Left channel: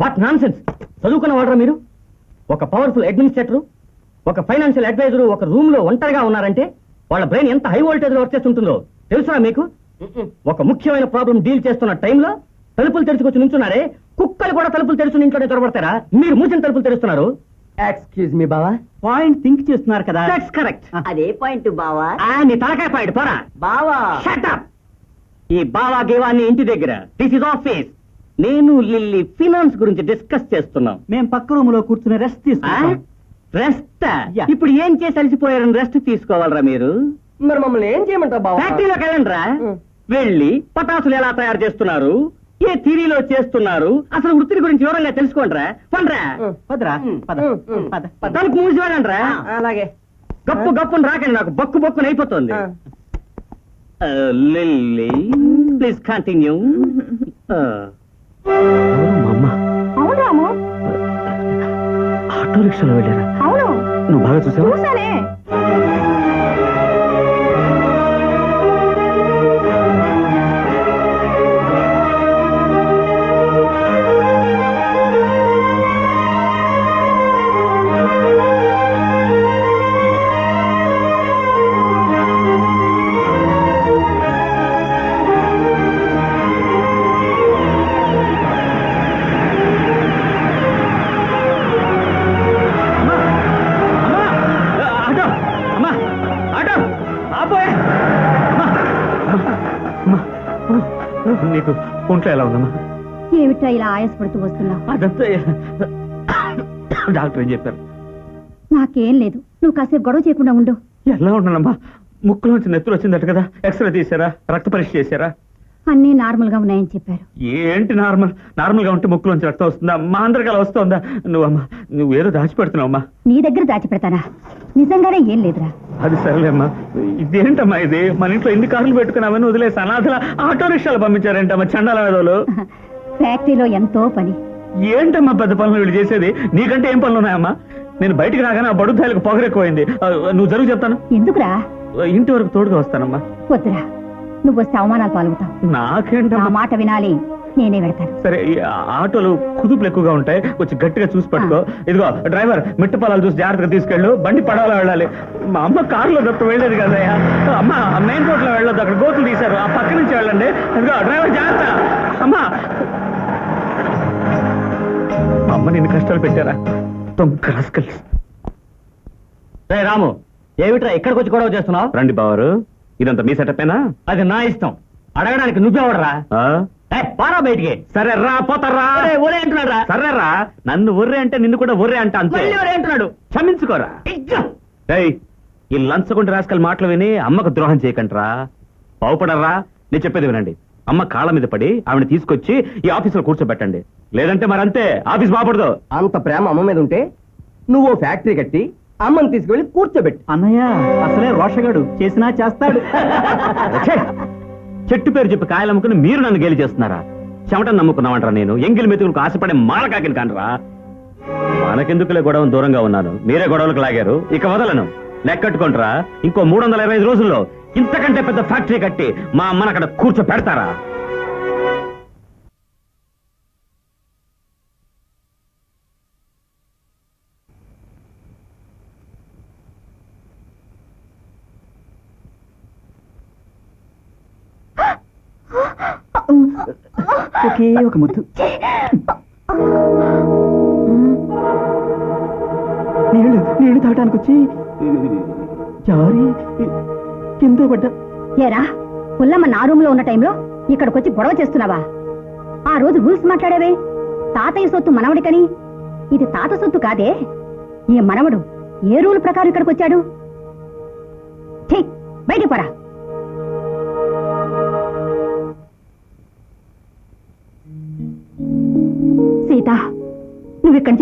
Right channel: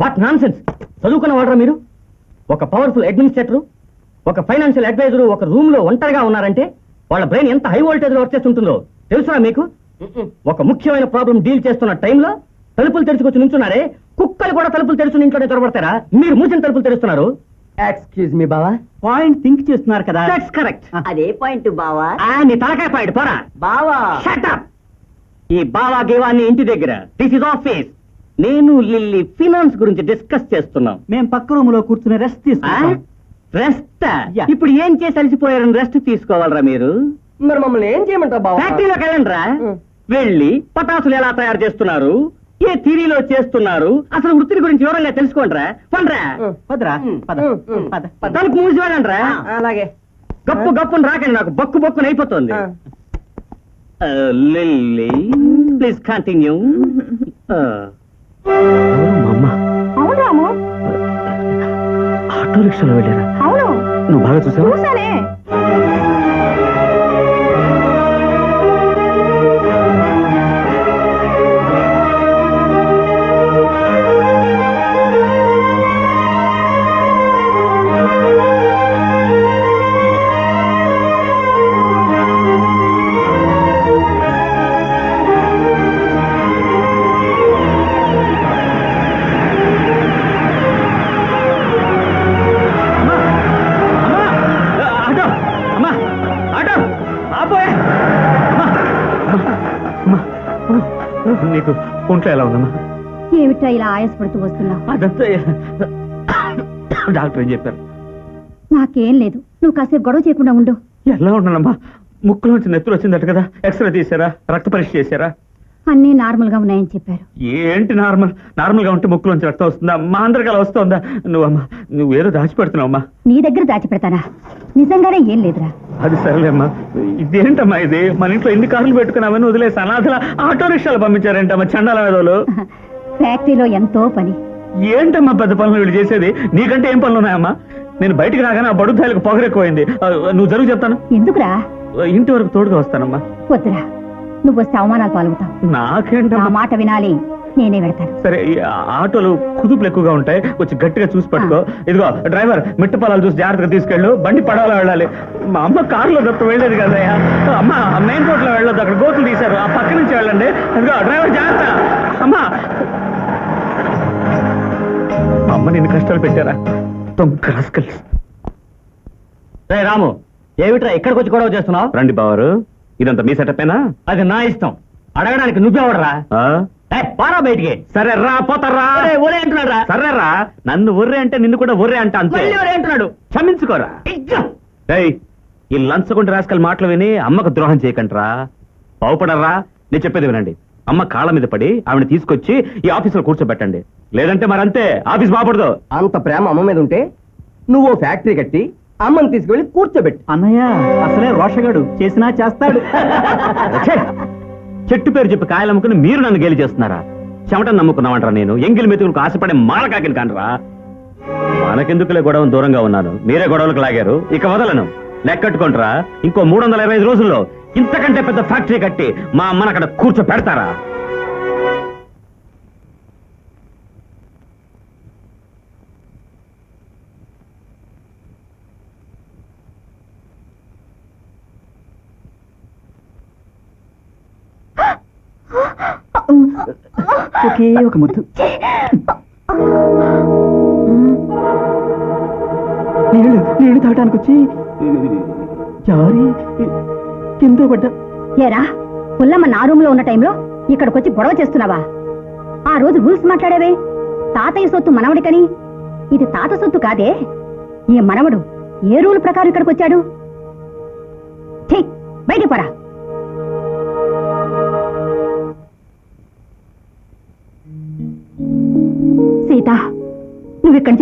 What non sense చదువుకున్న వాడరా మీరు? ఒక పవర్ఫుల్ అడ్మినిస్ట్రేటర్ ఒక ఫైనాన్షియల్ అడ్వైజర్ ఒక రూమ్లో ఒంటరిగా ఉన్నారంటే వాళ్ళ బ్రెయిన్ ఎంత హై వోల్టేజ్లో వర్క్ చేస్తుంటుందో తెలుసా మీకు? ఒక ముఖ్యమైన ప్రాబ్లం డీల్ చేస్తున్న టైంలో తలుపులు తెరుచుకొచ్చి నుంచున్నారే కుక్కలు కూడా తలుపులు తెరుచుని ఇంట్లోనే దొరబడతారా మీరు మూసిన తలుపులు తెరుస్తున్నారు. ఎక్స్క్యూజ్ మీ బావా. పాయింట్ థింక్ చేస్తున్నారు కదా. దట్స్ కరెక్ట్ అదే పాయింట్ బావా. నీ తలకాయ పాయింట్ పోరా. బావా. Shut up! ఈ బావా గేవాన్ని ఇంటి దగ్గర. దిస్ ఇస్ ఆఫీస్ నేను లిల్లీ ఫినాన్స్ గురించి డిస్కస్ చేస్తున్నాం. మేము పక్క రూమ్లో కూర్చుని రెస్ట్ రెస్ట్ Yeah. ఇప్పుడు ఏం చేసి అలసిపోయారని రెస్ట్ తీసుకోవాలరా మీరు? మరి మమ్మల్ని ఏం చేయమంటావు బావా? ఫ్యాక్టరీలోకి వెళ్ళండిరా. వెళ్ళి పటాసులు ఎలా తయారు చేస్తున్నారు? ఏ థిరీలో చేస్తున్నారు? అసలు వృత్తిని గురించి వివరంగా తెలుసుకోండిరా. పండ్రా. పదరా. పద. పద. తలుపు మూసి వెళ్ళండిరా. అలాగే. గప్పు గప్పుని రాకండి నాకు. బక్కు బక్కుని అయిపోతుంది. లిల్లీ ప్లీజ్ కంటిన్యూ అవును రాము ఆటో రిక్షాలో వెళ్ళారా? అవును. నువ్వు బాగా చూసావా? చూసానే ఒంట్లో ఎలా ఉందమ్మా ఏమిటా ఇలా ఆయాసపడుతూ వస్తున్నావు? అదంతా డాక్టర్ ఏం చెప్పారు? నాకేం లేదు. నువ్వు కాసేపు గొడవ చేయకుండా ఉండు. ఎలా ఉన్నానమ్మా? ముక్కులోంచి నెత్తులు వచ్చిందట కదా? ఎక్స్రే తీసారా రక్త పరీక్ష చేశారా? అన్నీ నార్మల్గా ఉన్నాయని చెప్పారు. ఏంటి నార్మల్? నార్మల్గా ఉంటే ముక్కులోంచి రక్తం వస్తుందా? మా అందరికి అలా వస్తుందా? నువ్వమ్మా నువ్వు ఏదో దాచిపెడుతున్నావమ్మా. నీ దగ్గర దాచిపెడతానా? నిజంగానే ఏం లేదురా. అది సరేలేమ్మా. ఇదేంటమ్మా ఇది? మన ఇంట్లో ఎన్ని కార్లు పెట్టుకున్నామని వదిలేసి అనాథల ఆటో రిక్షాలు పంపించారేంటమ్మా చండాల వేదోలు ఫ్యాక్టరీలో ఎంతో పని. ఏంటమ్మా పెద్ద పనులు వీళ్ళు చేసేది? నీకంటే ఏం పనులు ఉన్నాయమ్మా? నేను బయటికి రాగానే ఆ బడుద్దాయిలకు పొగరెక్కువైంది. నువ్వు జరుగు చెప్తాను. ఎందుకురా? ఇంటి వరకు తోడుగా వస్తానమ్మా. వద్దురా. నువ్వు వస్తే అవమానాలు పాల్గొతావు నా నాకేంటమ్మా మాట వినాలి నేనే వెడతాను. సరే ఈ ఆటోలు కుదుపులు ఎక్కువగా ఉంటాయి. కొంచెం గట్టిగా చూసి పట్టుకో. ఇదిగో డ్రైవర్ మిట్ట పొలాలు చూసి జాగ్రత్తగా తీసుకెళ్ళు. బండి పడవలో వెళ్ళాలి. మా అమ్మ కారులో తప్ప వెళ్ళేది కదయ్యా అమ్మ మెయిన్ రోడ్లో వెళ్ళొద్దు. అక్కడ గోతులు తీశారు. ఆ పక్క నుంచి వెళ్ళండి. ఇదిగో డ్రైవర్ జాగ్రత్త. అమ్మా. మా అమ్మ నిన్ను కష్టాలు పెట్టారా? రాము ఏమిట్రా ఇక్కడికి వచ్చి గొడవ చేస్తున్నావు? రండి బావారు ఇదంతా మీ సెటప్పేనా అది నా ఇష్టం. అడగడానికి నువ్వెవడరా? పారా బయటికి. సరే రా పోతారా ఒరే అంటున్నాడు రా సరే రా నన్ను ఒర్రే అంటే నిన్ను కూడా ఒర్రే అంట అంతే. ఒరే అంటున్నాడు. క్షమించుకోరా. ఈ లంచగొండ రాసుకల్ మాటలు విని అమ్మకు ద్రోహం చేయకంట్రా. బాగుపడరా నేను చెప్పేది వినండి. అమ్మ కాళ్ళ మీద పడి ఆవిడ తీసుకొచ్చి ఈ ఆఫీసులో కూర్చోబెట్టండి. లేదంటే మరంతే. ఆఫీస్ బాగుపడదు. అంత ప్రేమ అమ్మ మీద ఉంటే నువ్వు ఫ్యాక్టరీ కట్టి అమ్మని తీసుకెళ్ళి కూర్చోబెట్టి. అన్నయ్య అసలే రోషగాడు. చేసినా చేస్తాడు. చెట్టు పేరు చెప్పి కాయలు అమ్ముకుని మీరు నన్ను గేలి చేస్తున్నారా? చెమటను నమ్ముకున్నామంటారా నేను? ఎంగిలి మెతుకులకు ఆశపడే మాలకాకిని కానరా? మనకెందుకులే గొడవ దూరంగా ఉన్నాను? మీరే గొడవలకు లాగారు? ఇక వదలను. లెక్కట్టుకుంటారా ఇంకో మూడు వందల ఇరవై ఐదు రోజుల్లో ఇంతకంటే పెద్ద ఫ్యాక్టరీ కట్టి మా అమ్మను అక్కడ కూర్చో పెడతారా ఒకే ఒక ముద్దు. నీళ్ళు నీళ్ళు తాగడానికి వచ్చి జారి కింద పడ్డా. ఏరా పుల్లమ్మ నా రూమ్లో ఉన్న టైంలో ఇక్కడికి వచ్చి గొడవ చేస్తున్నావా? ఆ రోజు రూల్స్ మాట్లాడావే? తాతయ్య సొత్తు మనవడికని? ఇది తాత సొత్తు కాదే? ఈ మనవడు ఏ రూల్ ప్రకారం ఇక్కడికి వచ్చాడు ఛీ, బయటికి పరా.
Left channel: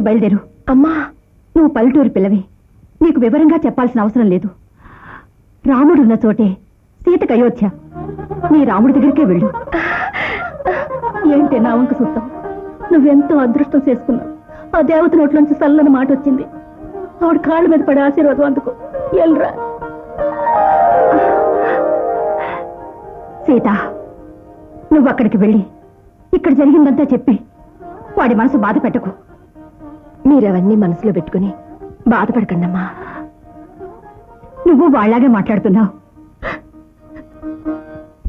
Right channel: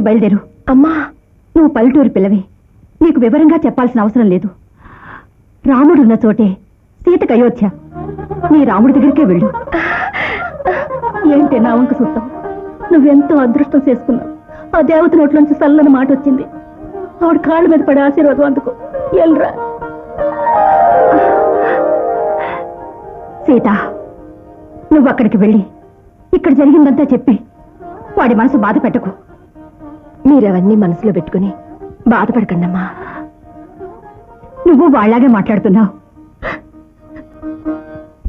నుంచి బయలుదేరు. అమ్మా! నువ్వు పల్లెటూరు పిల్లవి. నీకు వివరంగా చెప్పాల్సిన అవసరం లేదు. రాముడున్న చోటే సీతకు అయోధ్య. నీ రాముడి దగ్గరికే వెళ్ళు. ఏంటి నా వంక చూస్తాం నువ్వెంతో అదృష్టం చేసుకున్నావు. ఆ దేవత నోట్లోంచి చల్లని మాట వచ్చింది. ఆవిడ కాళ్ళ మీద పడే ఆశీర్వాదం అందుకు. ఎల్రా. సీత నువ్వు అక్కడికి వెళ్ళి. ఇక్కడ జరిగిందంతా చెప్పి. వాడి మనసు బాధ పెట్టకు. మీరవన్నీ మనసులో పెట్టుకుని బాధపడకండమ్మా. నువ్వు వాళ్ళలాగే మాట్లాడుతున్నావు.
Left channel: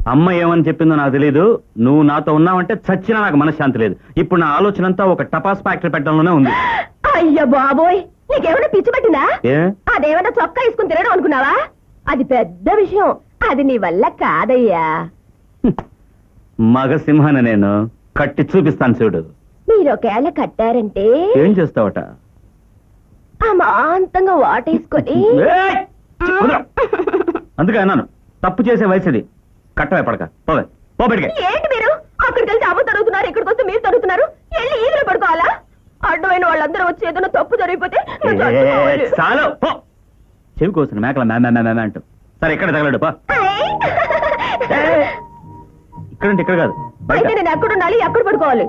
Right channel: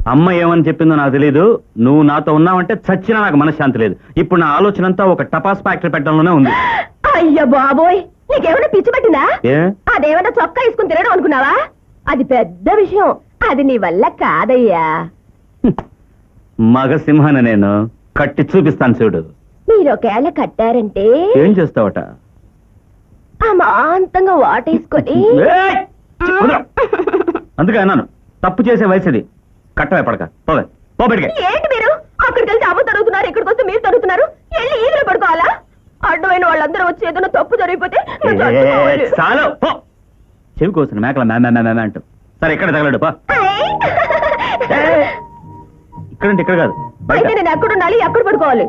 అమ్మ ఏమని చెప్పిందో నాకు తెలియదు నువ్వు నాతో ఉన్నావంటే చచ్చినా నాకు మనశ్శాంతి లేదు. ఇప్పుడు నా ఆలోచన అంతా ఒక టపాస్ ఫ్యాక్టరీ పెట్టడంలోనే ఉంది. అయ్య బాబోయ్ నీకేమైనా పిచ్చి పట్టిందా? ఏ? అదేమైనా చొక్కా వేసుకుని తినడం అనుకున్నావా? అది పెద్ద విషయం. అది నీ వల్ల కాదయ్యా. మగ సింహాన నేను కట్టి చూపిస్తాను చూడు. మీరు ఒకవేళ కట్టారంటే? ఏం చేస్తావట? అమాంతంగా వాటేసుకొని ఏయ్! చి, వదరు. అందుకే అన్నాను తప్పు చేసే వయసుది. కట్టవే పడక. పోవే పో బయటికి. ఏంటి మీరు? అక్కడికి వెళ్తే అమ్మ తరుగుతున్నారు ఇక్కడికి వస్తే మీరు తరుగుతున్నారు. వెళ్ళి ఈదులు పడుకోవాలా? అడ్డమైన వాళ్ళందరూ వచ్చి ఏదైనా తప్పు జరిగిపోతే ఏ, నువ్వు ఏ, చచ్చిపోవాలి. చాలు. పో. చెవి కోసిన మేకల మే మే, మే, మే, మే అంటూ. సరే ఇక్కడ తగలడు పో. ఏయ్! ఇక్కడంటే ఇక్కడ కాదు. బయట. అయితే నేను ఎక్కడ ఉండాలి ఎక్కడ పడుకోవాలి?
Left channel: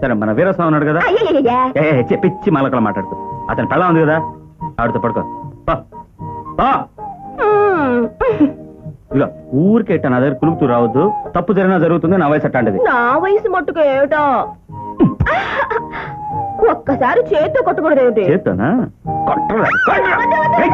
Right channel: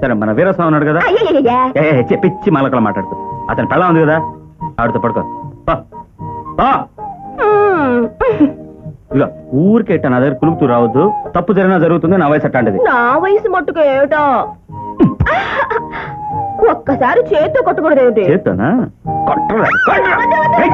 సరే మన వీరస్వామి ఉన్నాడు కదా అయ్యయ్యయ్యా. ఏ ఏ, చెప్పించి మలకలు మాట్లాడుతూ అతని పెళ్ళ ఉంది కదా ఆవిడతో పడుకో పో. పో. హ్మ్. ఇదిగో ఊరికే ఇట్ట నా దగ్గర కులుకుతూ రావద్దు తప్పు జరిగినా జరుగుతుంది నా వయసు అట్టాంటిది నా వయసు మట్టుకు ఏమిటో ఒక్కసారి చేతితో కొట్టకూడదు ఏమిటి చేస్తానా కొట్టరా, కొట్టరా. ఏయ్.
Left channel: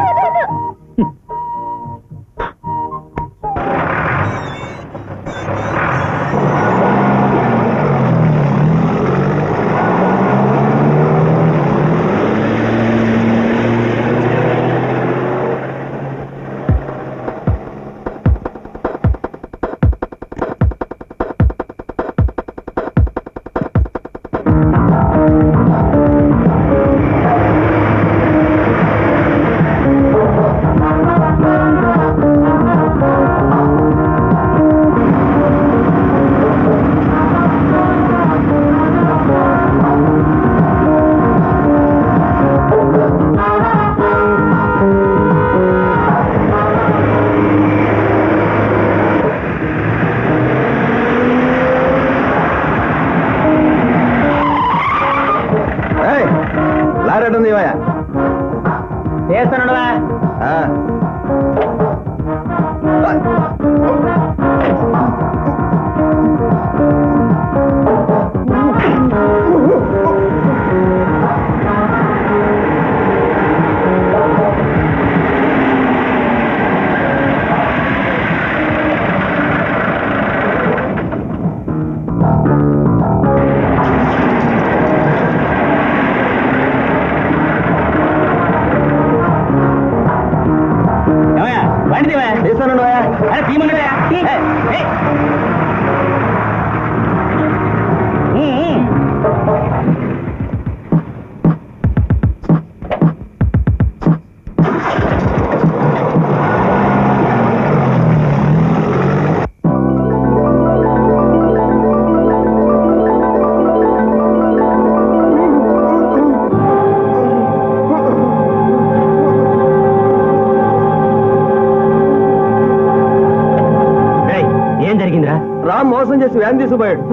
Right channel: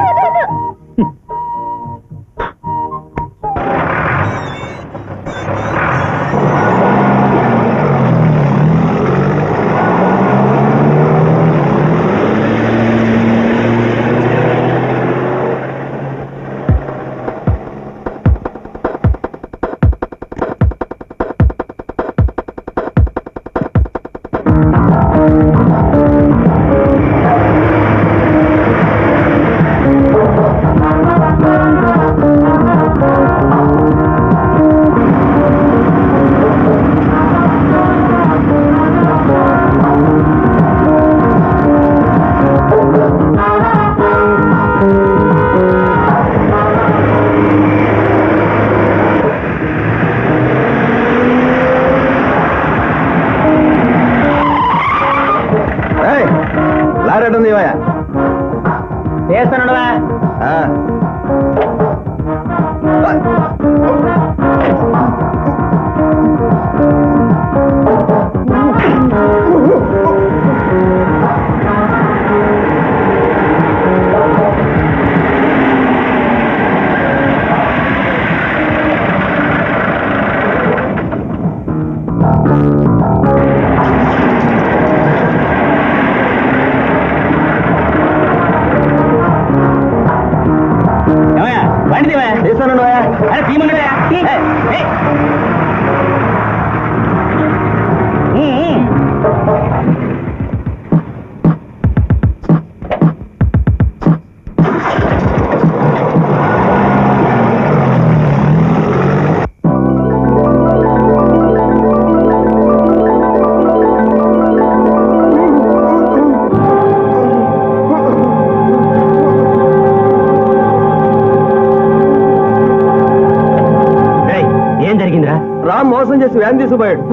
జరిగిందిరా రామ్ మోసం చేసి వ్యాన్ తీసుకుపోయాడు.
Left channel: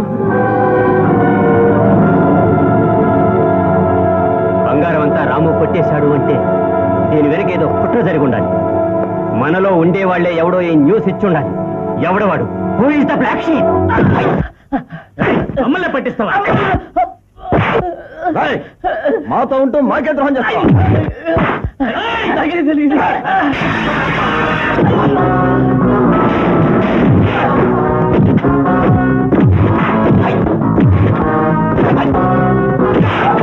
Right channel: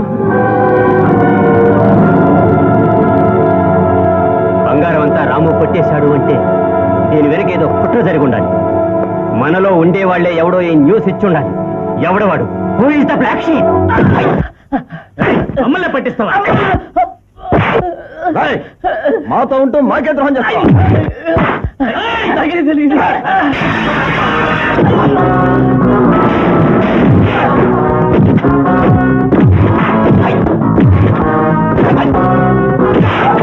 బంగారం అంతా రాము కొట్టేశాడు అంటే దీని వెనక ఏదో కుట్ర జరిగి ఉండాలి మనలో ఉండేవాళ్ళే ఎవడో ఈ న్యూస్ ఇచ్చి ఉండాలి ఎవడవాడు who is the black sheet మమ్మల్ని పట్టిస్తావా? మాతో ఉంటూ మాకే ద్రోహం చేస్తాం Thank you.